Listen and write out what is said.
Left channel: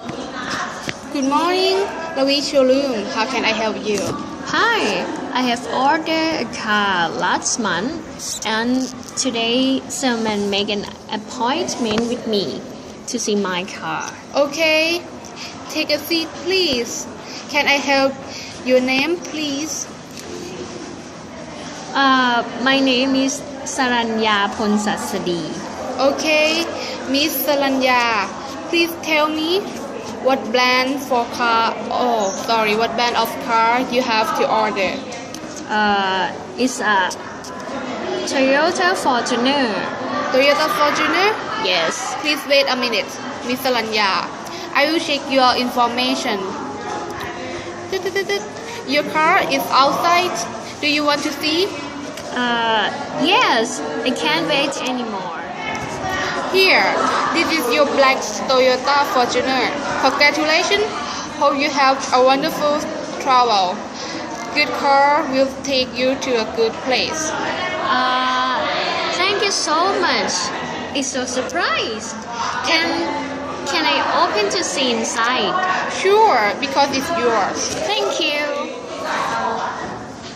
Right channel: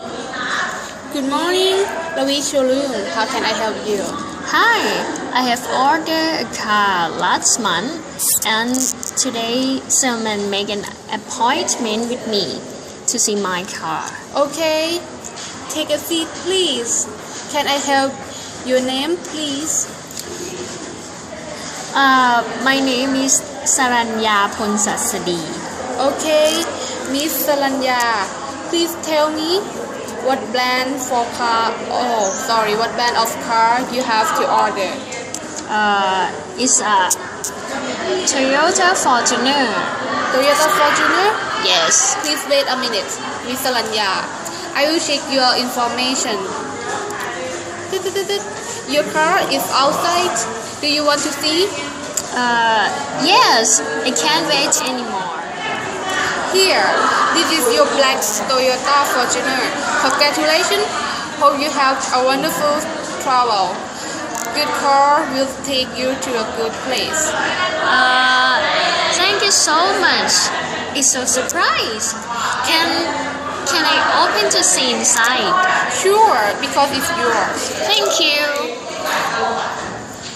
Good morning, Ravi Showroom. How can I help you? Hi, I have ordered a car last month and today someone made an appointment with me to see my car. Okay, take a seat, please. Can I help your name, please? My name is Saranya Ponsasadi. Okay, Miss Salanya, please tell me what brand of car you have to order. It's a Toyota Fortuner. Toyota Fortuner? Yes. Please wait a minute, Miss Salanya. I will check your information. Your car is outside. Do you want to see? Yes, I can't wait anymore. Here, this is your black Toyota Fortuner. Congratulations. Hope you have a wonderful travel. Good car will take you to a good place. Thank you so much. It's so surprise. Can I open to see inside? Sure, because it's yours. Thank you.